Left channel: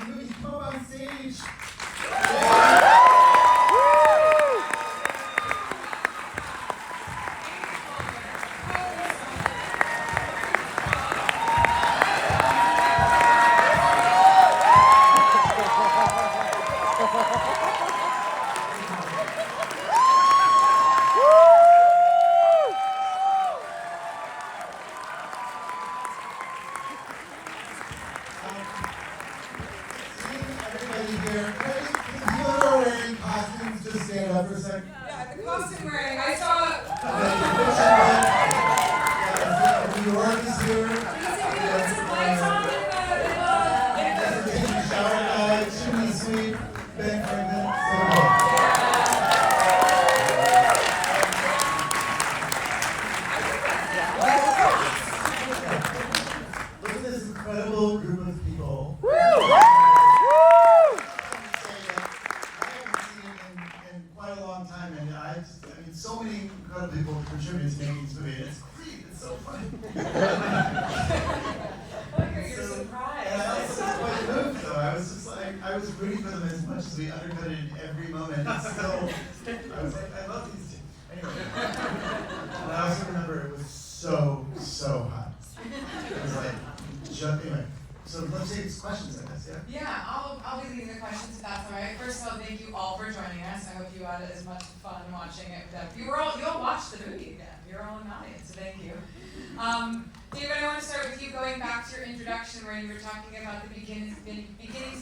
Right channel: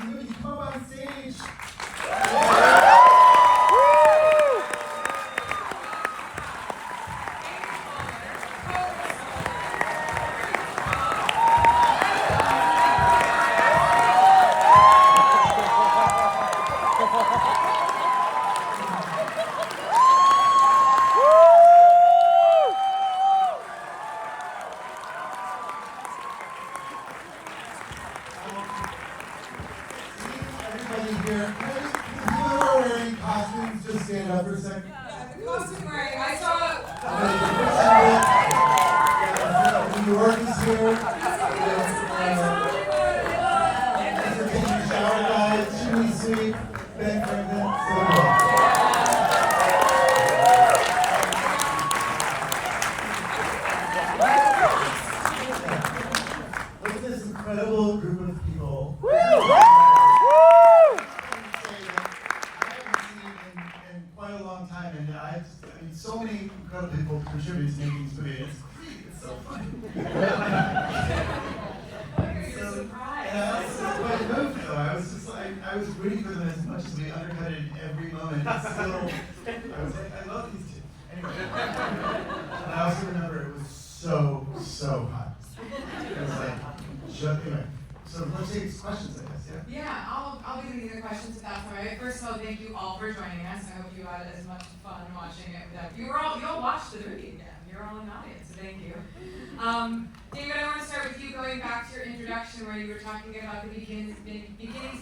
the movie. Come up on stage. David, I want to start with you, going back to your introduction where you were talking about the beginning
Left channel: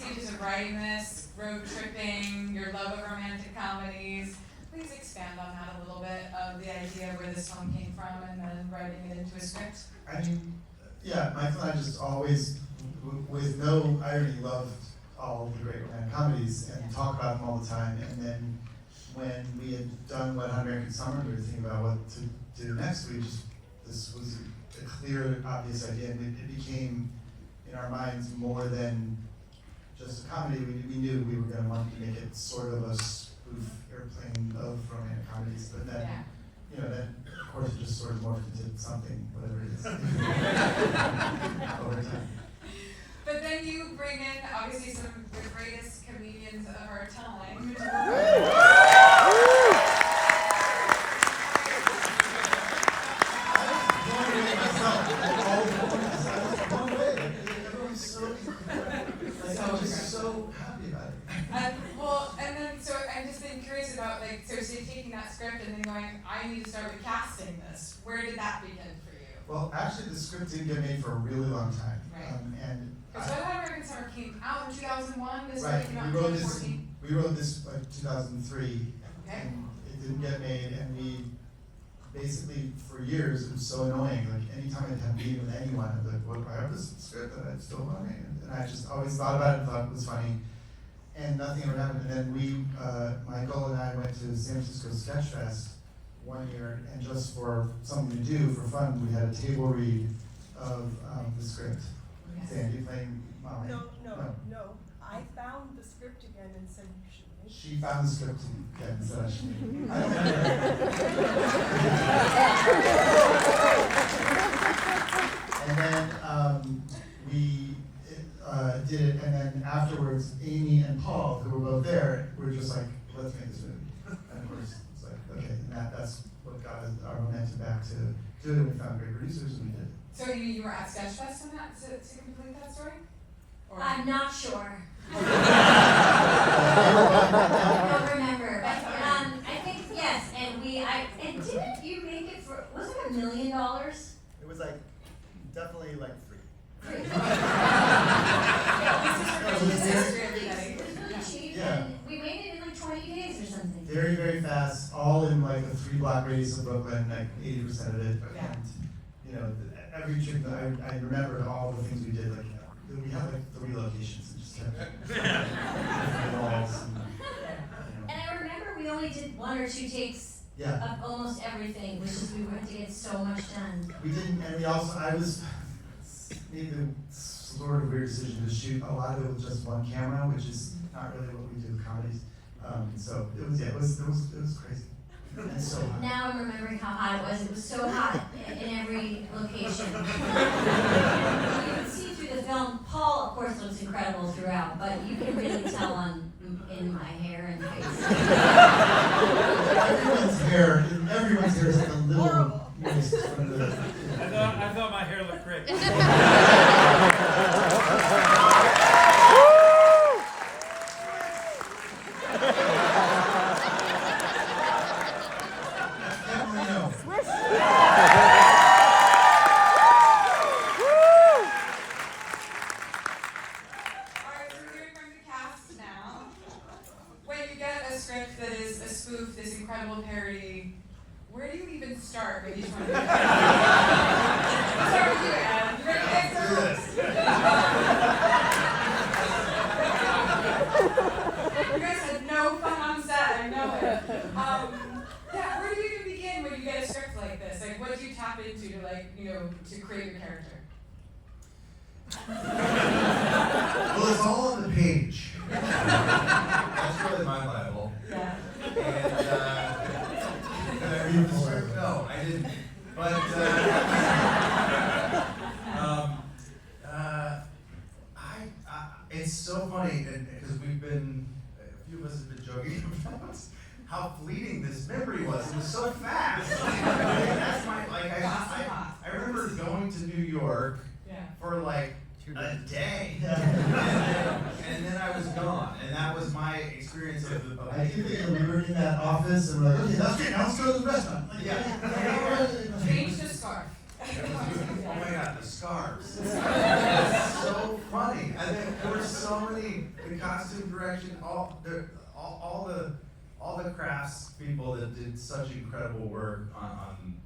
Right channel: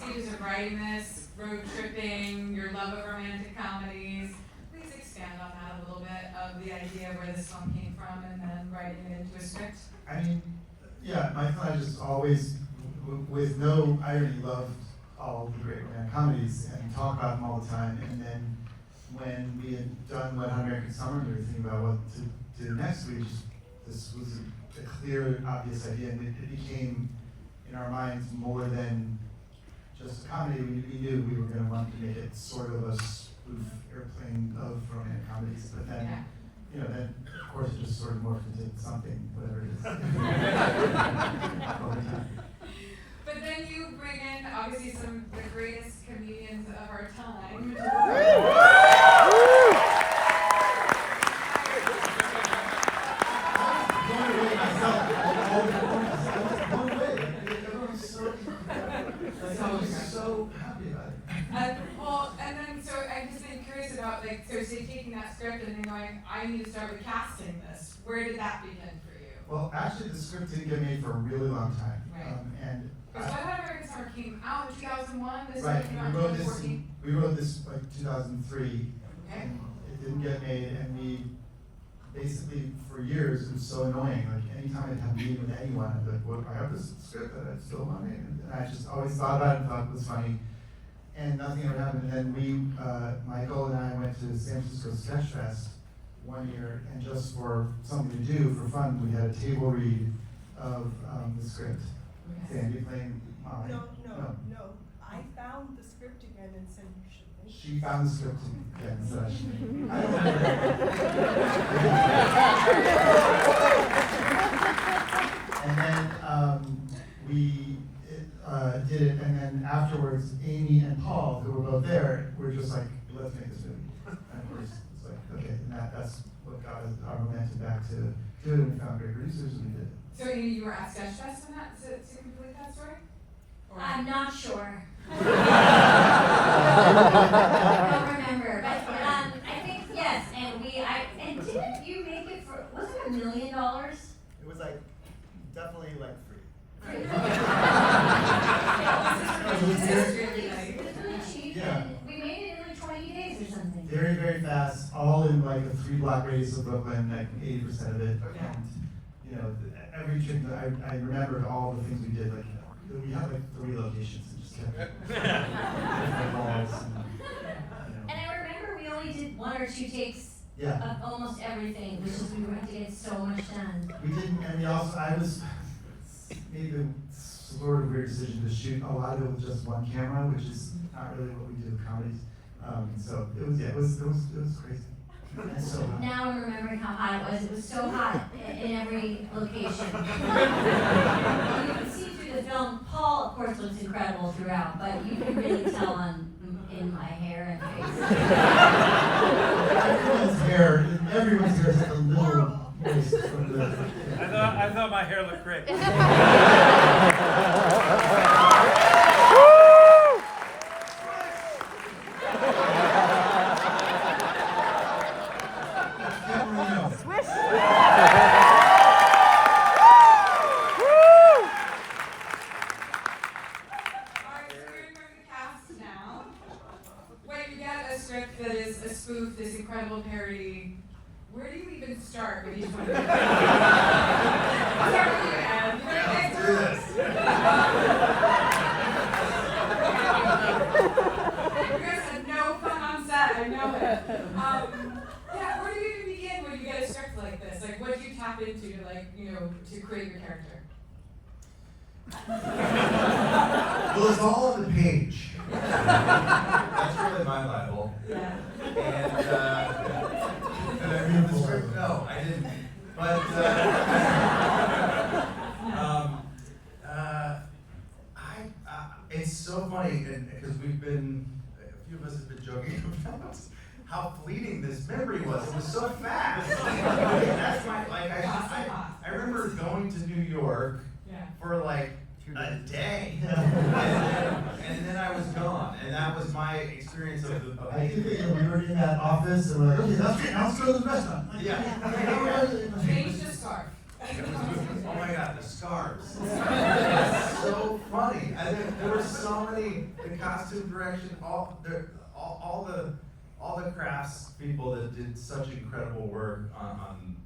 stages of writing this, road tripping, your love of romantic comedies. Please expand on that a little bit, of the idea where this film came from and then writing it into a script. I mean, yeah, Michael and I just always, with no irony, loved all the great romantic comedies and talk about them all the time. And then when we had done Wet Hot American Summer, we were thinking about what to do next. This was a clear, obvious idea, and it became, in our minds, more than just a comedy. We knew we were going to want to make it sort of a spoof airplane of romantic comedies, but then, then of course it just sort of morphed into something, whatever it is, over time. But then you bring in, obviously, some of the greatest comedians of our time. So you're taking that script and then going, I need to start recasting this. Where did that begin for you? Well, actually, the script didn't get made for a really long time. Right. So Wet Hot American Summer came out in 2001. This right. Came out in 2014. We wrote this like 2003. Okay. And it didn't get made, and we basically for years it was so annoying. Like anytime I'd have a meeting with anyone, I'd be like, well, I have this script that I still want to make, and I just always thought about it and thought it was funny. And nothing ever happened. And then Michael and I went to San Francisco Sketch Fest one year, and just for something to do, for fun, we had a table read of the script. Zandy playing Molly. No. I found the script again and said, you should make it. She found the script again and said I should make it. I don't remember. And then we did it, and then afterwards, Amy and Paul, who were both there, were just like, let's make this movie. And of course, it's like, okay, and that's what got our momentum back to do it, and we found great producers, and we did it. So you were at Sketchfest on that, to complete that story? Or? I'm not sure. I don't remember, but I think yes, and and didn't you make it for, was it $1 million? It was like, definitely like free. It was really cheap, and we made it in like 20 days or something. Very, very fast, all in like a 3-block radius of Brooklyn, like 80% of it. And, every trip that I remembered all the things we did, like, we had like 3 locations and just kept different malls. And I remember we only did 1 or 2 takes of almost everything, which is we were to get so much done. We didn't, and I was made the sort of weird decision to shoot a lot of it with just one camera, which is not really what we do with comedies. So it was crazy. It's so hot. Now I'm remembering how hot it was. It was so hot in every location. You can see through the the film, Paul, of course, looks incredible throughout, but you can really tell in my hair and face. Everyone's hair is like a little moist from the. I thought my hair looked great. Marino. Alright, so we're going to cast now. When you get a script that is a spoof, this incredible parody, where do you even start with each one of them? Start with you, Anne. You're the answer first. You guys had no fun on set, I know it. Yeah, where do you even begin when you get a script like this? Like, what do you tap into to, like, to create your character? Well, it's all on the page. That's really my Bible. Yeah. And did I read the script? No, I didn't. But it's so funny because a few of us have been joking about how fleeting this memory was. It was so fast. That's I remember going to New York for like a day, and then I was gone, and that was my experience of I think that we were in that office and we're like, okay, that's it, now let's go to the restaurant. Like, Yeah. Change the scarf. Oh my God, the scarves. It's so funny. And there were so many, the costume direction, all the crafts people that did such incredible work on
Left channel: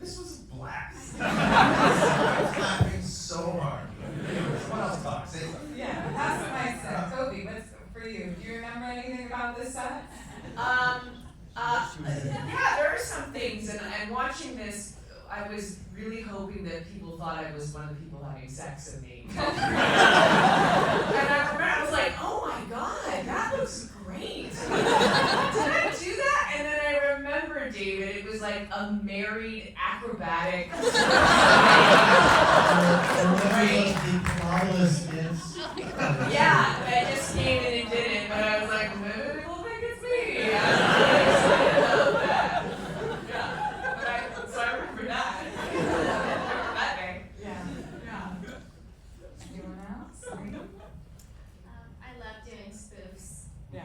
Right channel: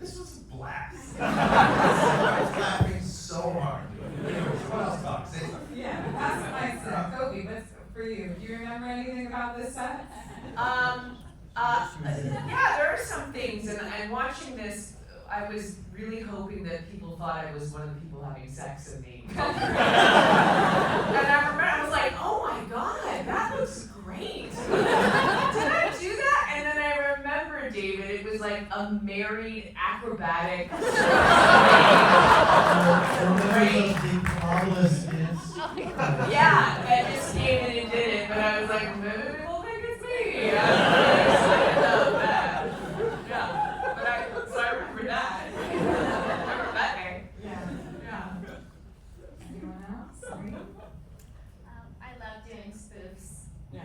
this was a blast. I was laughing so hard. Someone else talk, say something. Yeah, that's what I said. Cobie, what's for you? Do you remember anything about this set? Yeah, there are some things, and watching this, I was really hoping that people thought I was one of the people having sex in the and I remember, I was like, oh my God, that looks great. Did I do that? And then I remember, David, it was like a married acrobatic. Yeah, I just came in and did it, but I was like, maybe we'll think it's me. I was really excited about that. Yeah, so I remember that. I remember that day. Yeah. Anyone else? I love doing spoofs. Yeah.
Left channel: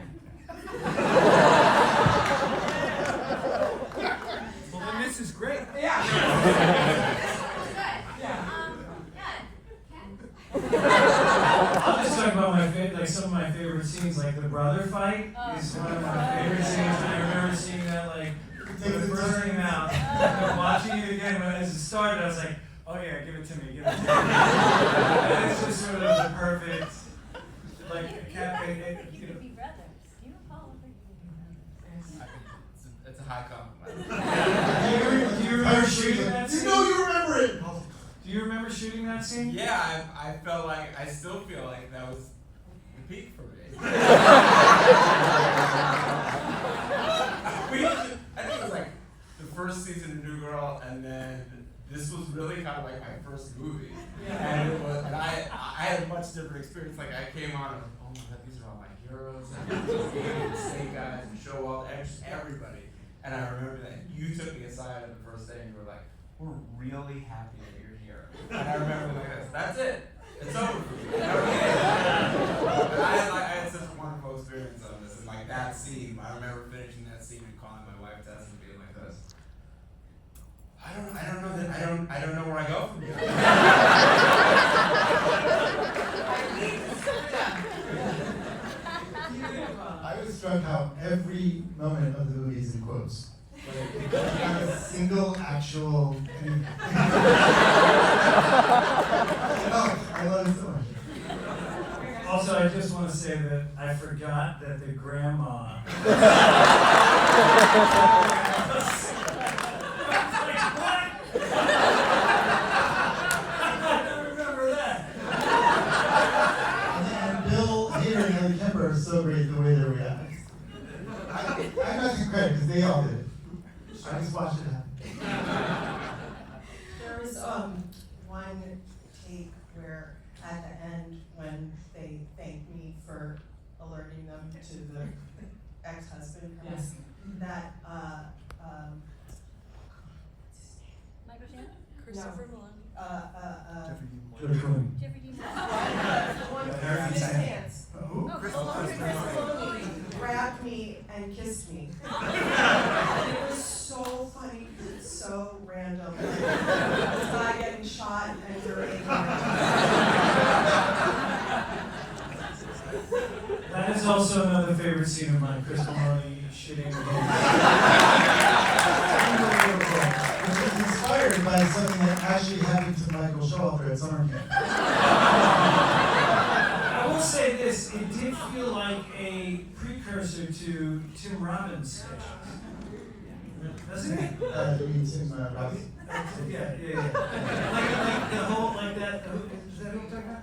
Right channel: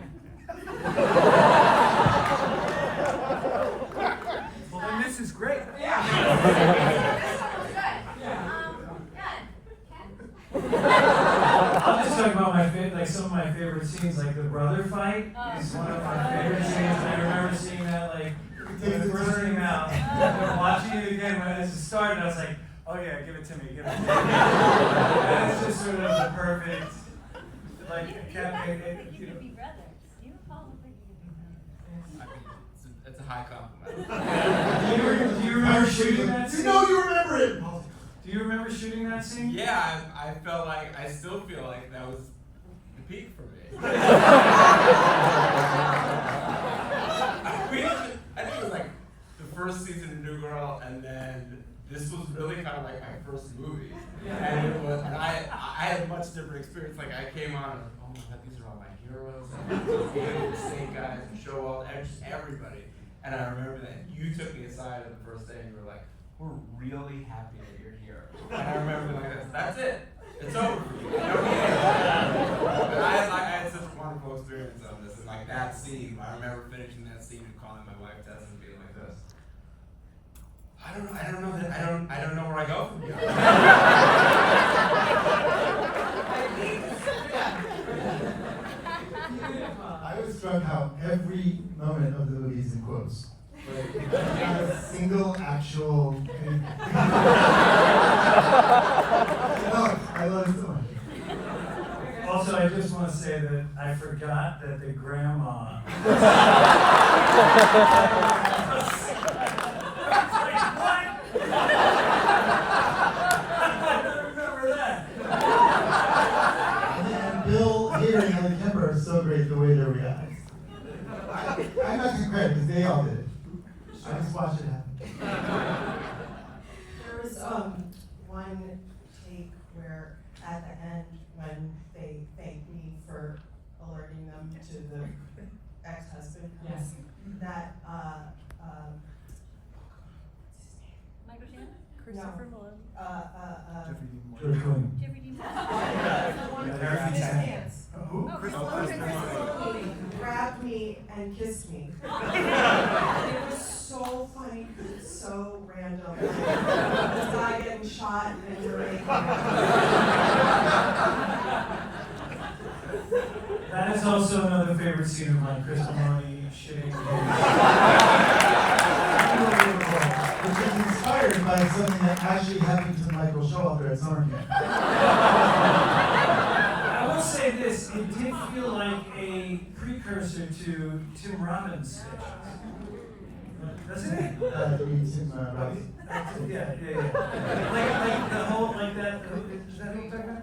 Well, then this is great. Yeah. This one was good. Yeah. I'll just talk about some of my favorite scenes, like the brother fight is one of my favorite scenes. And I remember seeing that when it first came out. And watching it again as it started, I was like, oh yeah, give it to me, give it to me. And it's just sort of the perfect, like, You guys look like you could be brothers. You and Paul look like you could be brothers. It's a high compliment. Do you remember shooting that scene? You know you remember it! Do you remember shooting that scene? Yeah, I felt like, I still feel like that was the peak for me. I think it was like the first season of New Girl, and then this was really kind of like my first movie. And it was, and I had a much different experience. Like I came on and was like, oh my God, these are all my heroes. And David, the Snake Guys, and Show Up, everybody. And I remember that you took me aside on the first day and you were like, we're really happy that you're here. And I remember being like, that's it. It's over for me. I don't need it. And I had such a wonderful experience on this. And like that scene, I remember finishing that scene and calling my wife Tess and being like this. I don't know where I go from here. I was struck how every moment of the movie is in quotes. Like, not a single actual. Oh, I love it so much. Also, I just want to say that I forgot that the grandma. And Bill Hader and Ellie Kemper are so great the way they react. I'm not gonna credit because they all did it. I just watched it happen. There was one at the end when they thank me for alerting them to the ex-husband coming. Yes. That Michael Shannon? no, George Clooney. Jeffrey Dean Morgan? the one Yeah, with Harry his Dean pants. Who? Chris Oh, Chris Clooney grabbed me and kissed me. It was so funny, so random. Like, this guy getting shot and you're That is also another favorite scene of mine, Chris Mahoney shitting. Unbelievable. Which is inspired by something that actually happened to Michael Showalter at summer camp. I will say this, it did feel like a precursor to Tim Robbins' sketches. Doesn't it? You mean Tim Robbins? Yeah. Like the whole, like that, is that what you're talking about?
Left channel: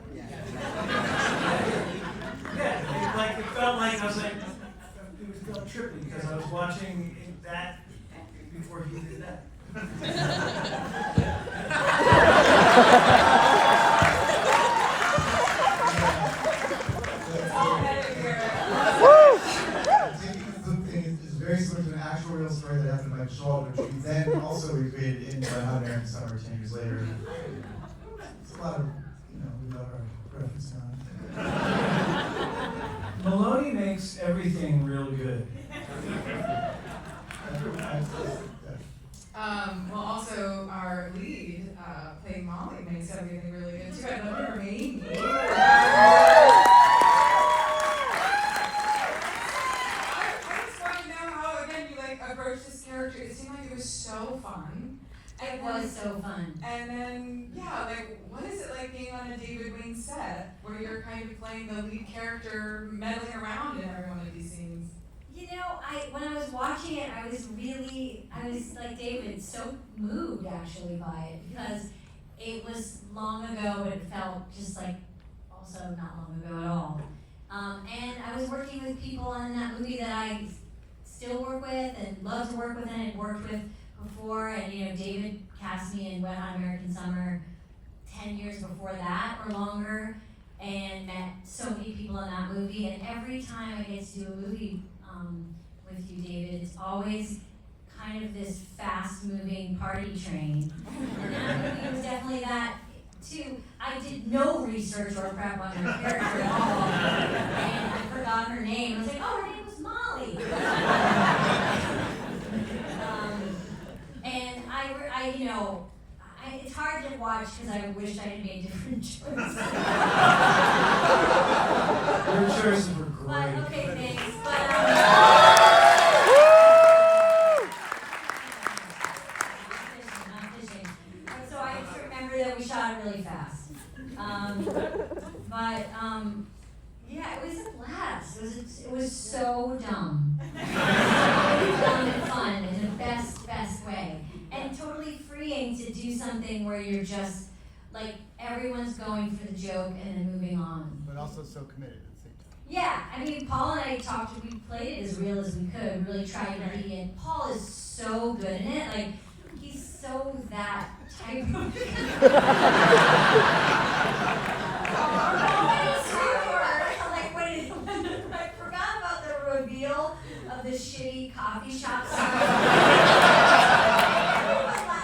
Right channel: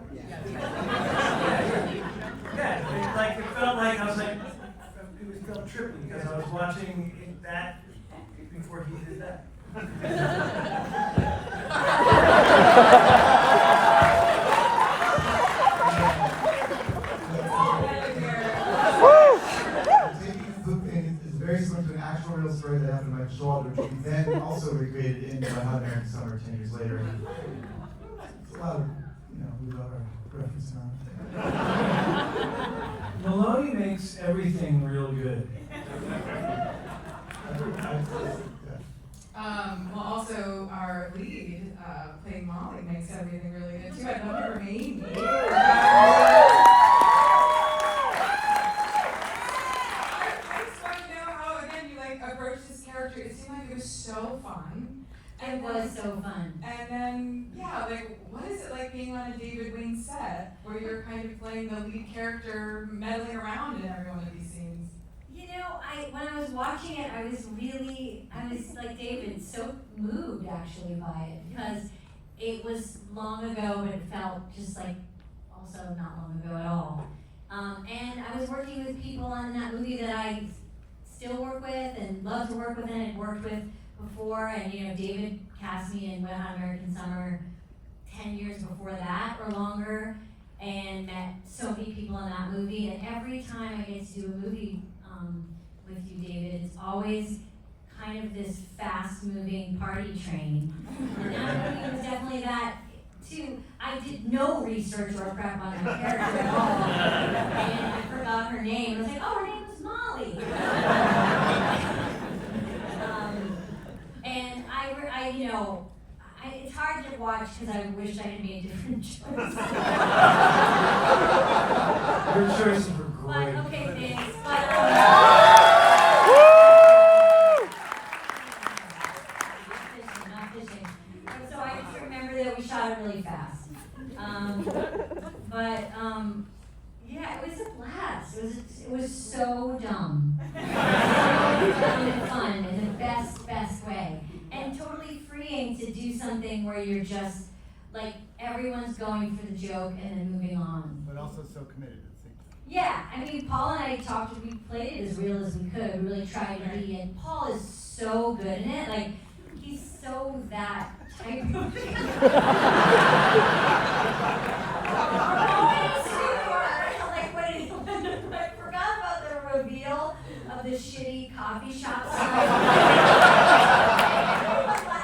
Yeah, it felt like, I was like, it felt trippy, because I was watching that before he did that. It's very similar to an actual real story that happened to Michael Showalter, which we then also recreated in One Hundred and Summer 10 years later. It's a lot of, we love our reference now. Maloney makes everything real good. Well, also our lead, playing Molly, makes everything really good too. I love her Amy. I just want to know how, again, you approached this character. It seemed like it was so fun. It was so fun. And then, what is it like being on a David Wain set, where you're kind of playing the lead character, meddling around in every one of these scenes? When I was watching it, I was like David, so moved actually by it, because it was long ago, but it felt just like also not long ago at all. And I was working with people in that movie that I still work with and love to work with and had worked with before. And David cast me in Wet Hot American Summer 10 years before that or longer, and met so many people in that movie. And every time I get to do a movie with you, David, it's always kind of this fast-moving party train. And that movie was definitely that too. I did no research or prep on her character at all, and I forgot her name. I was like, oh, her name was Molly. And it's hard to watch because I wish I had made different choices. Your choices were great. But okay, thanks. But not fishing. And so I just remember that we shot it really fast. Yeah, it was a blast. It was so dumb. So dumb and fun in the best way. And totally freeing to do something where you're just like everyone's going for the joke and then moving on. But also so committed at the same time. Yeah, I mean, Paul and I we played it as real as we could. We really tried to be, and Paul is so good in it. Like, he's so that type of I forgot about the reveal of the shitty coffee shop sign.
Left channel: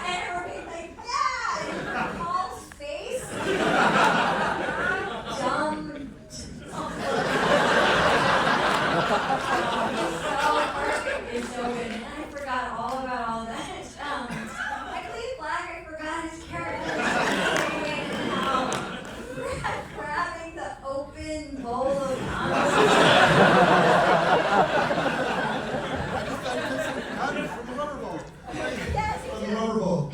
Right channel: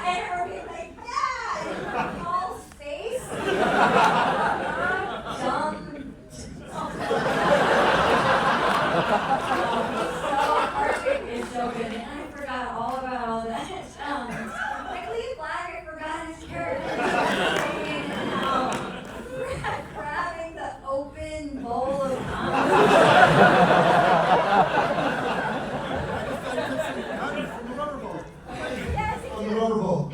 And everybody was like, yeah! And Paul's face. Dumb. It's so good. And I forgot all about all that. Michael E. Black, I forgot his character. Grabbing the open bowl of coffee. I just thought you could see guns from the rubber ball. Yes, On the rubber ball.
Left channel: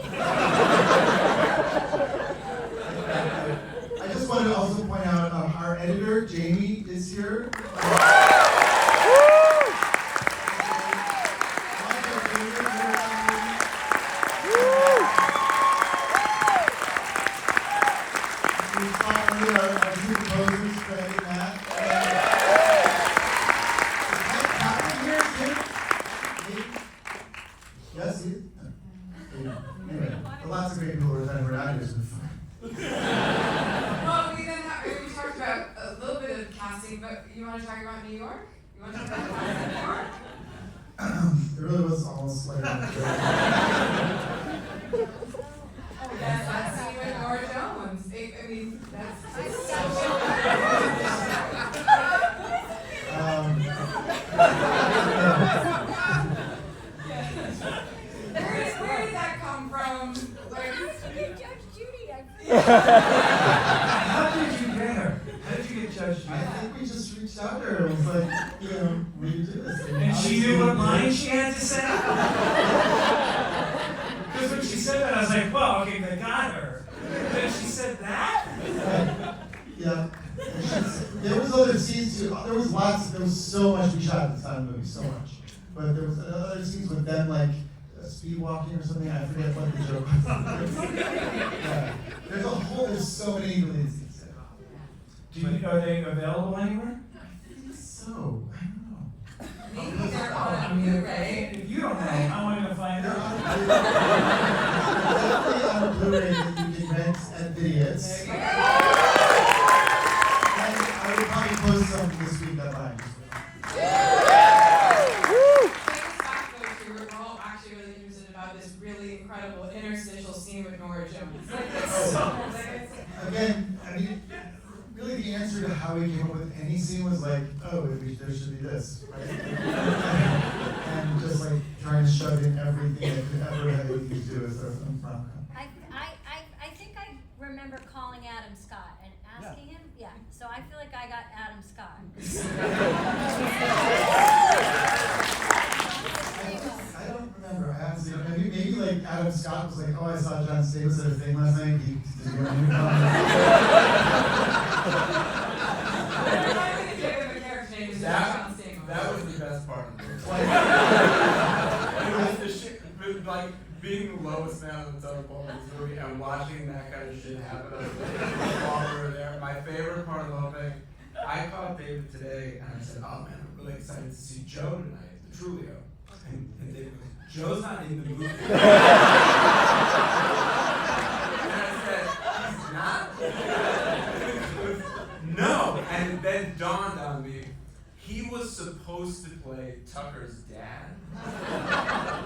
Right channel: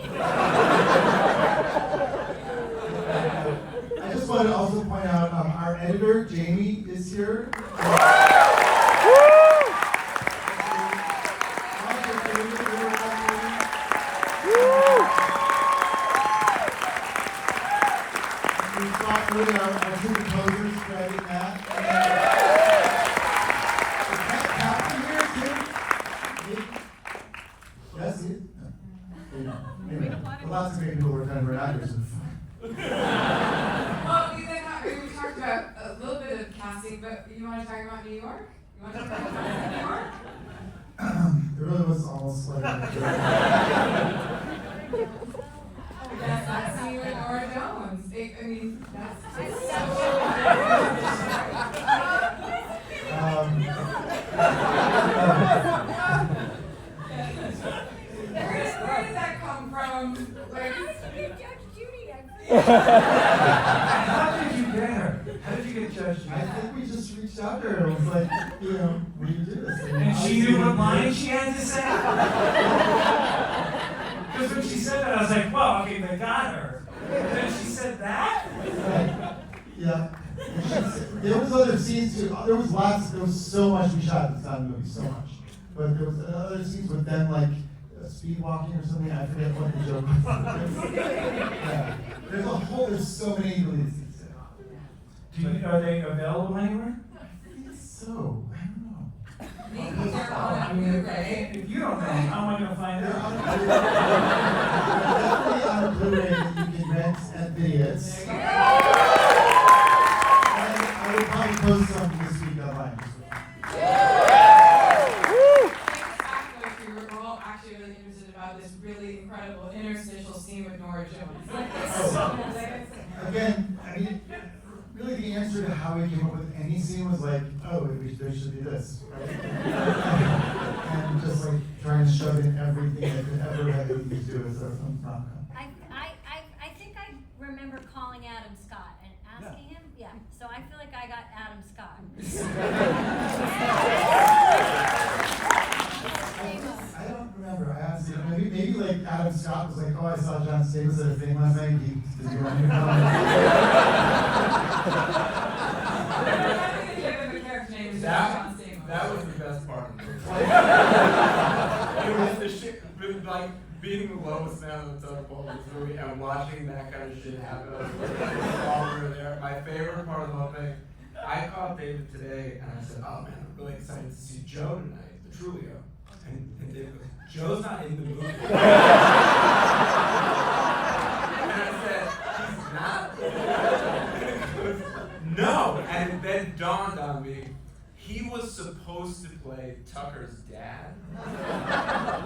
I just want to also point out our editor, Jamie, is here. We saw earlier our two composers, Fred and Matt. Is Matt Kaplan here too? Yes, he is. Anyway, lots of great people were done for actors. Well, we then but you want to talk about New York? You want to talk about New York? It really was almost like Oh, that's you and Nora Jones. I mean, that's where did that come from? Like, How did you get her? How did you get judged? I think we just reached out to her and was like, you know, we do this. And she knew what line she had to say? Because when she said that, I was like, well, okay, they got her. But then she said that? Right. Yeah. There was other scenes too. There was so much we shot at the time of the movie, so much. But there was other scenes with them like speed walking or something. I forget what the joke was. Yeah. There's so many really scenes. Are they available anywhere? I think so. I don't know. maybe they're I on mean, Blu-ray. if you don't know, how am I going to find They're out? on Blu-ray. They're definitely on a Blu-ray that you can rent at Vidiots. There you And I will probably post something this week online. We were all actually really interested about this really incredible interstitial scene with Nora Jones. Again, I mean, really the answer to how we came up with any scene was like, oh, there should be this, right? And just like trying to shove in everything that could ever have anything to do with our film. I think I remember calling Adam Scott and asking him, yeah, so I feel like I got Adam Scott. I don't remember asking. Maybe like Adam Scott was like, oh, I saw John Stamos at a thing last night. Did you go on your That was the best part of the movie. It was the shit, like being the lowest man on the totem pole in this movie and watching that kind of shit happen while we were there. My favorite part of the whole thing, I called David today and I said, oh man, I'm really excited to see Joe tonight, the Trulio. And David goes, Joe's not in the movie. And I said, he's not? And he goes, no. And it then dawned on me, he was supposed to play Tucker's dad.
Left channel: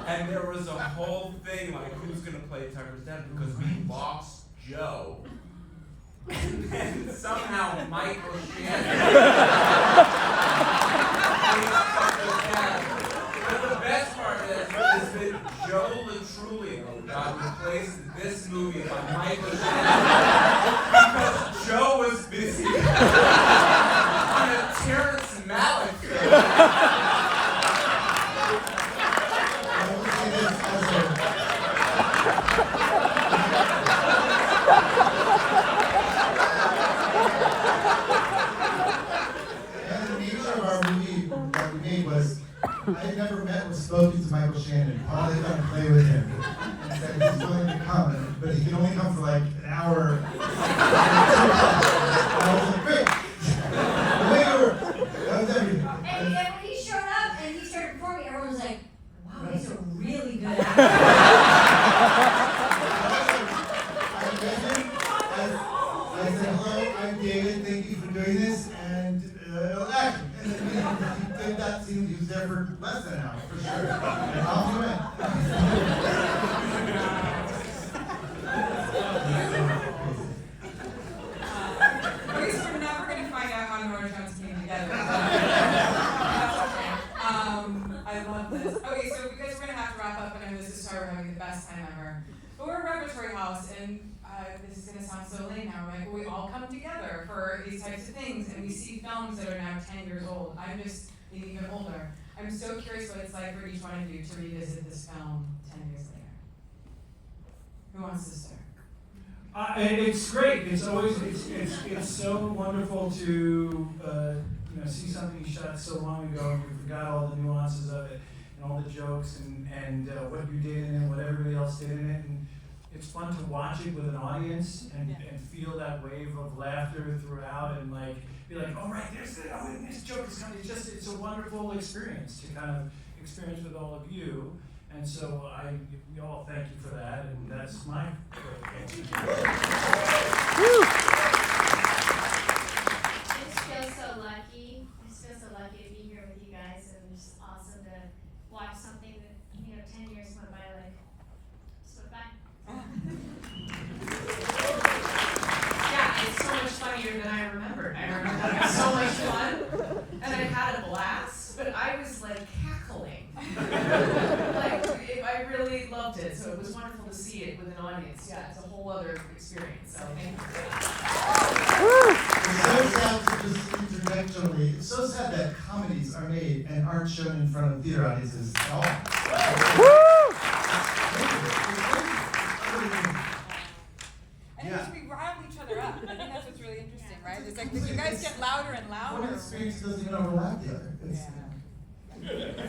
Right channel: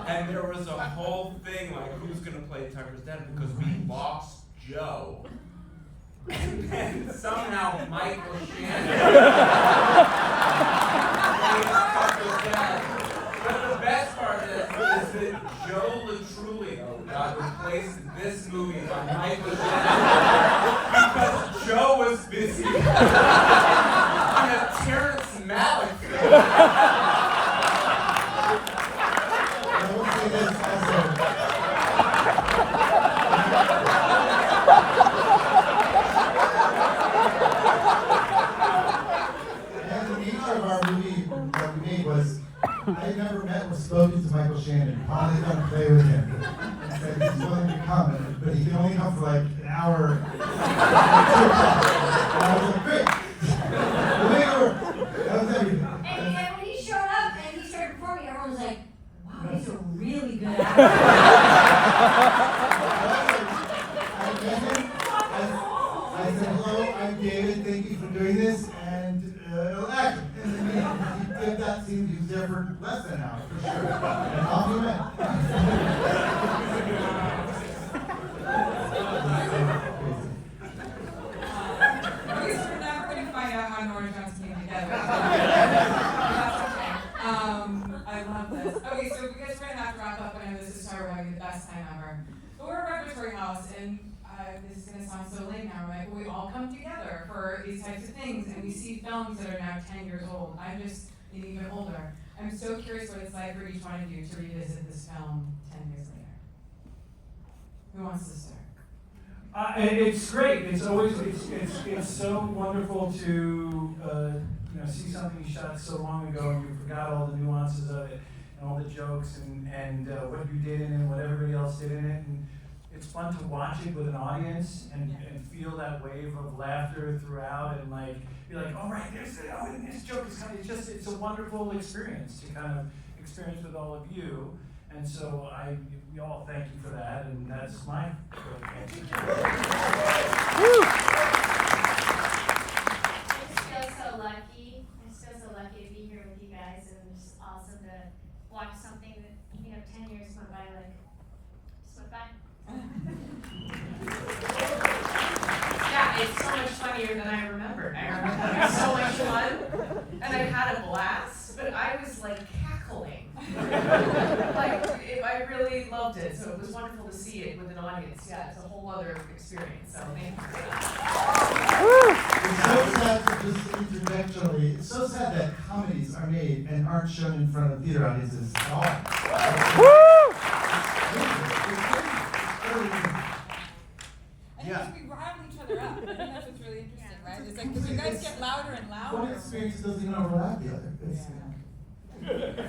And there was a whole thing like who's gonna play Tucker's dad because we lost Joe. And then somehow Michael Shannon plays Tucker's dad. But the best part is that Joe Latrulio got replaced in this movie by Michael Shannon because Joe was busy on a Terrence Malick film. I will say this as the nature of our movie that we made was, I had never met or spoken to Michael Shannon. Probably got to play with him. And said he's willing to come, but he can only come for like an hour. And I was like, great. Way to work. That was everything. And when he showed up and he started performing, everyone was like, wow, he's a really good actor. I met him. I said, hello, I'm David. Thank you for doing this. And action. And then, he did that scene. He was there for less than an hour, for sure. And off he went. At least we're never going to find out how Nora Jones came together. That's okay. I love this. Okay, so you guys are going to have to wrap up. I know this is sorry we're having the best time ever. But we're a repertory house, and this is going to sound so late now. Like, we all come together for these types of things, and we see films that are now 10 years old. I'm just even older. I'm so curious what it's like for each one of you to revisit this film 10 years later. Who wants to start? It's great. It's always it's so wonderful to see something you shot so long ago and you forgot all the nuances of it and all the jokes and what you did in it and what everybody else did in it. And it's fun to watch it with an audience and feel that wave of laughter throughout and like be like, oh right, this joke is coming. It's a wonderful experience to kind of experience with all of you. And so we all thank you for that, and that's my Just feel so lucky remembered. I remember having so much fun, and I had a blast, but I was like cackling. I really loved it, so it was wonderful to see it with an audience. Yeah, it's a whole other experience, so thank you for that. It's so sad to just interjectionally, it's so sad that comedies are made and aren't shown in front of theater audiences at all. And because we rile each other up. I think that's what's really interesting, right? It's like you guys get louder and louder. One experience doesn't even overlap the other.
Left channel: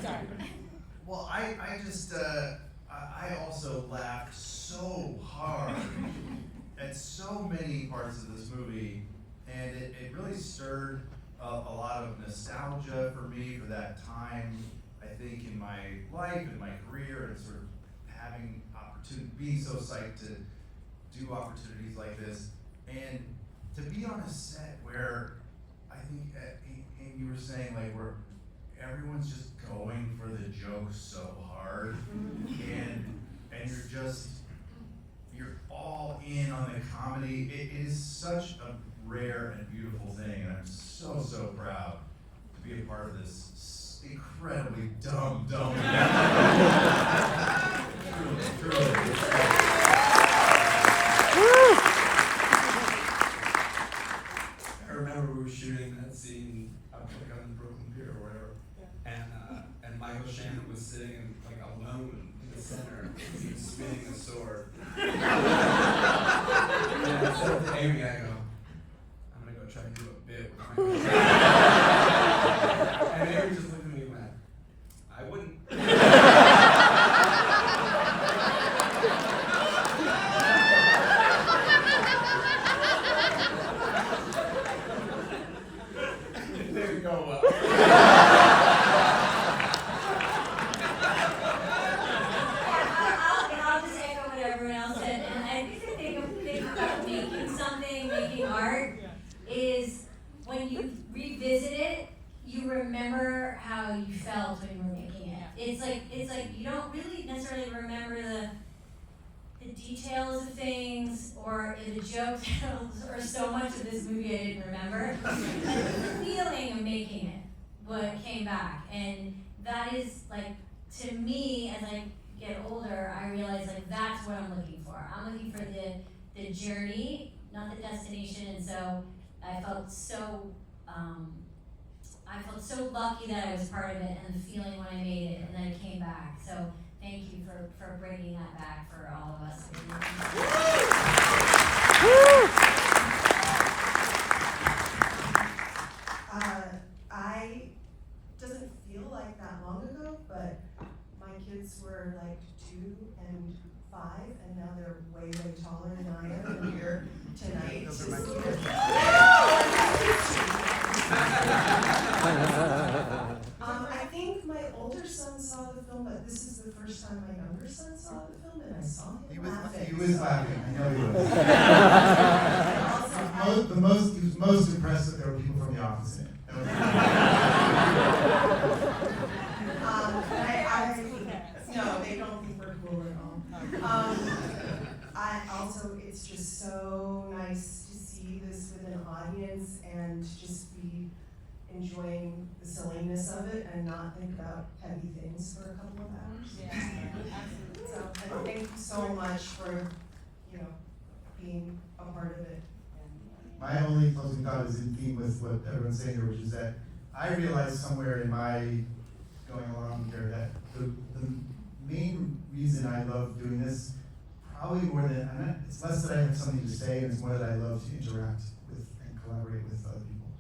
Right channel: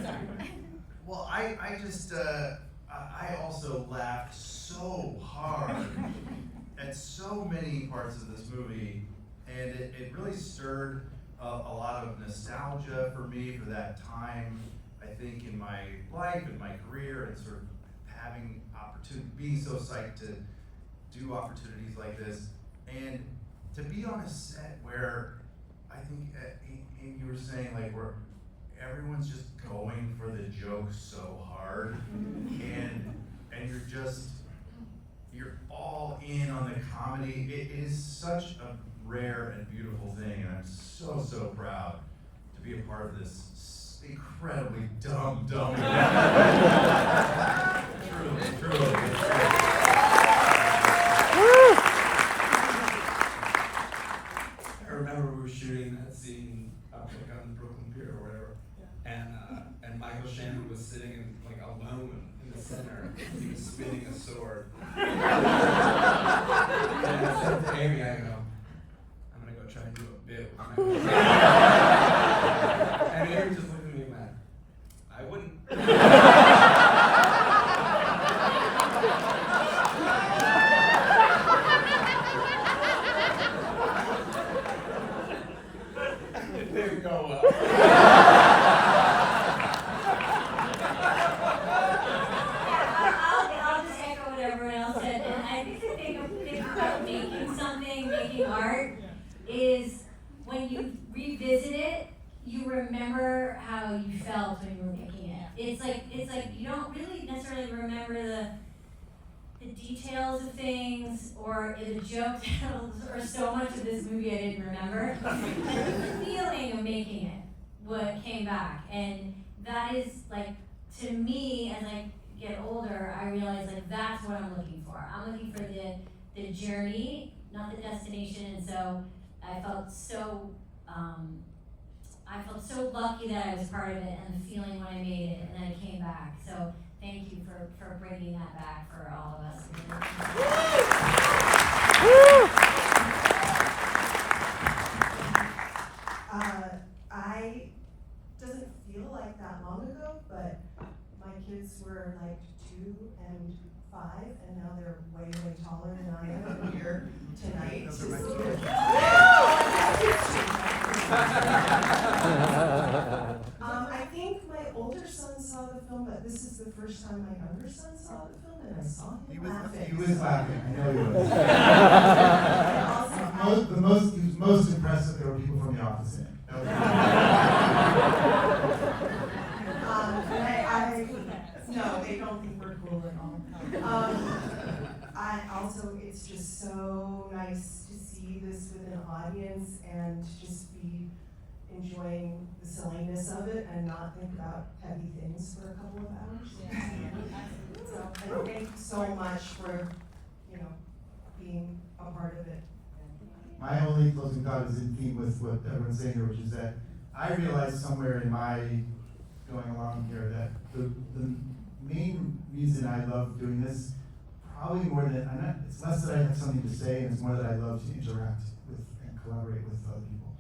Sorry. Well, I also laughed so hard at so many parts of this movie, and it really stirred a lot of nostalgia for me for that time, I think, in my life, in my career, and sort of having opportunity, being so psyched to do opportunities like this, and to be on a set where I think you were saying, like, where everyone's just going for the joke so hard, and you're all in on the comedy. It is such a rare and beautiful thing, and I'm so proud to be a part of this incredibly dumb. Truly. I remember we were shooting that scene up like on the Brooklyn Pier or whatever, and Michael Shannon was sitting in like alone in the center. He was spinning a sword. And I said to Amy, I go, I'm gonna go try and do a bit with Michael Shannon. And Amy just looked at me and went, I wouldn't. It didn't go well. I'll just echo what everyone else said, and I think the thing about making something, making art, is when you revisit it, you remember how you felt when you were making it. It's like you don't really necessarily remember the details of things or the jokes or so much of this movie I didn't remember. But the feeling of making it, what came back, and that is like, to me, as I get older, I realize like that's what I'm looking for. I'm looking for the journey, not the destination, and so I felt so lucky that I was part of it, and the feeling when I made it, and then it came back. So thank you for bringing that back for all of us. I doesn't feel like that long ago, but my kids were like 2 and 5, and now they're way taller than I am, and here tonight. Those are my I think my older son saw the film, but this is the first time my younger son saw the film, and I saw him laughing. He was laughing, I know he was. And He was most impressed that there were people from the office in it. No, they don't think we're cool at all. It's just so nice to see this with an audience and just be enjoying the silliness of it and not think about heavy things for a couple of hours. Yeah. So, and thank you so much for, being a part of it. My only closing thought is in theme with what everyone's saying here, which is that I realized somewhere in my going along here that the main reason I love doing this, probably more than, it's less that I have something to say, and it's more that I love to interact with and collaborate with other people.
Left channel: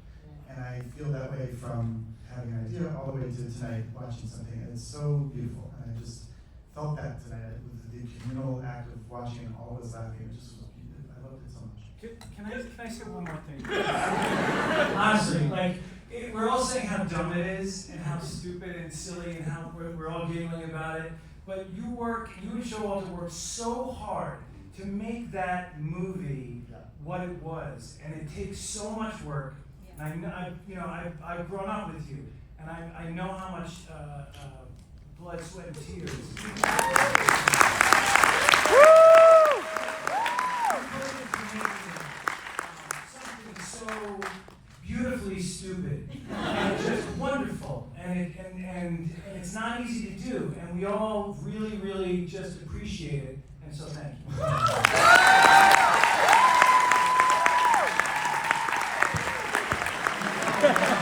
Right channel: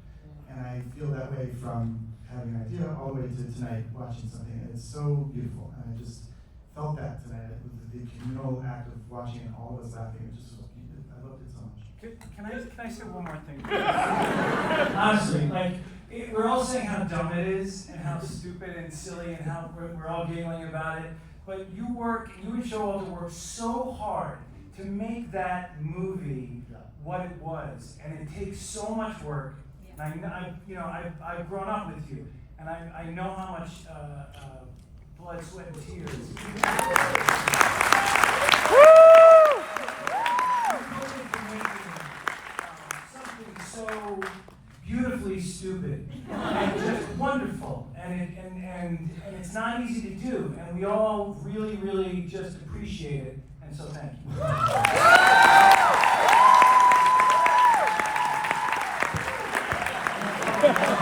And I feel that way from having an idea all the way to tonight watching something, and it's so beautiful. And I just felt that tonight with the communal act of watching and all of us laughing. It just was beautiful. I loved it so much. Can I say one more thing? Honestly, we're all saying how dumb it is and how stupid and silly and how we're all giggling about it. But you and Showalter worked so hard to make that movie what it was, and it takes so much work. And I've grown up with you, and I know how much blood, sweat, and tears. Something so beautifully stupid and just wonderful. And it's not easy to do, and we all really, really just appreciate it. And so thank you.